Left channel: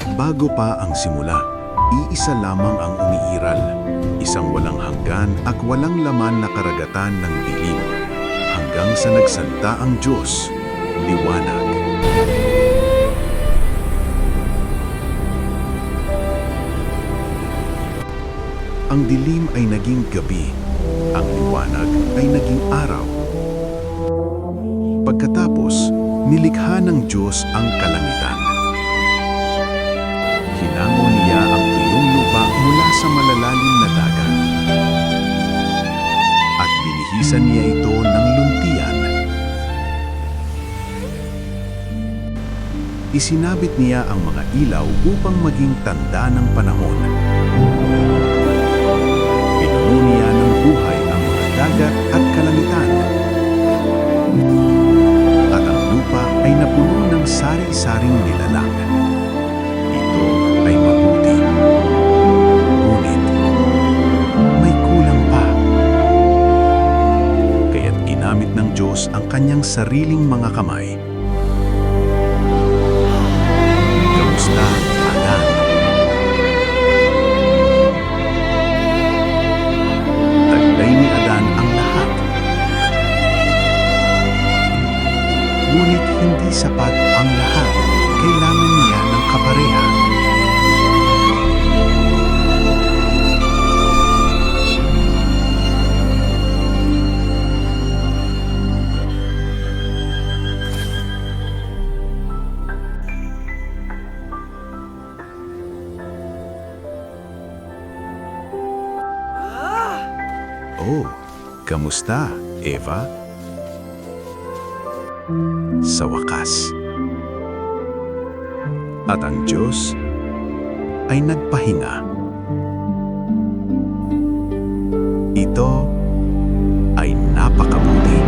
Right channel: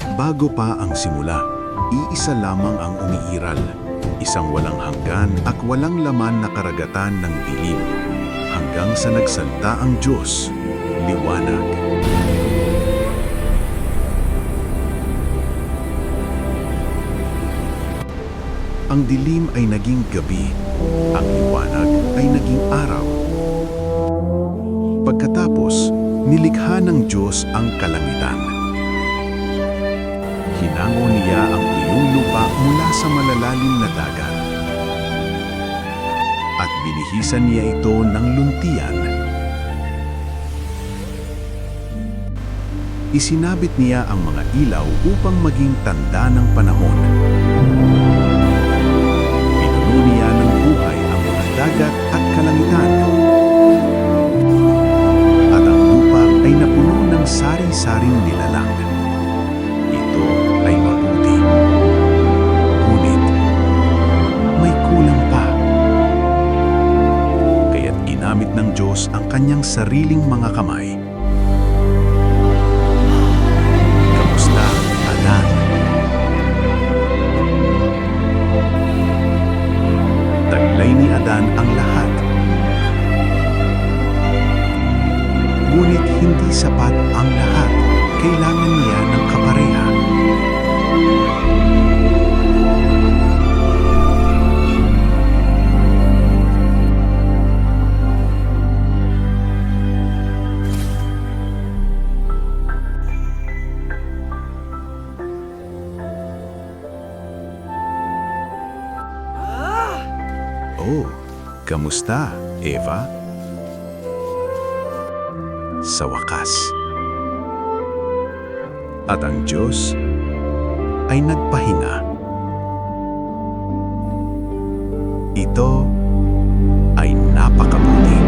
Bago pa ang simula, iisa lamang ang umiiral, isang walang hanggan at walang laman na karagatan ng dilim, hanggang sa nagsalta ang Diyos, liwanag. Ang dilim ay naging gabi, ang liwanag ay naging araw. Pagkatapos, nilikha ng Diyos ang kalangitan. Hinango niya ang tuyong lupa mula sa malalalim na dagat. At binihisan niya ito ng luntian. Isinabit niya ang mga ilaw upang maging tanda ng panahon. Pinuno niya ng buhay ang mga dagat at kalangitan. At ang lupa ay napuno ng sari-saring nilalang. Ito ay mabuti. Ngunit, may kulang pa. Kaya't ginamit ng Diyos ang kanyang sariling mga kamay. Kamusta, Adan? Taglay ni Adan ang lahat. Ngunit hindi sapat ang lahat. Kailangan niya ng kapareha. Oh, kamusta, Eva? Sa wakas. At ang Diyos ay nagpahinga. Ito ay napakabuti.